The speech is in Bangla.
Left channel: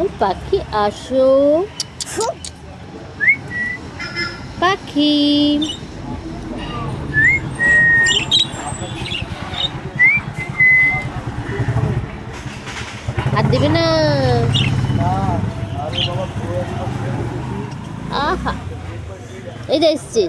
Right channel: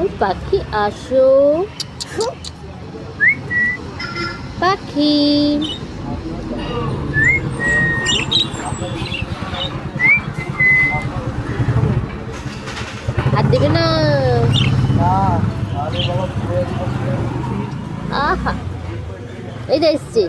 ওই পাখি আসো, পাখি হাত দেবে না। আহা এই যে এসছে।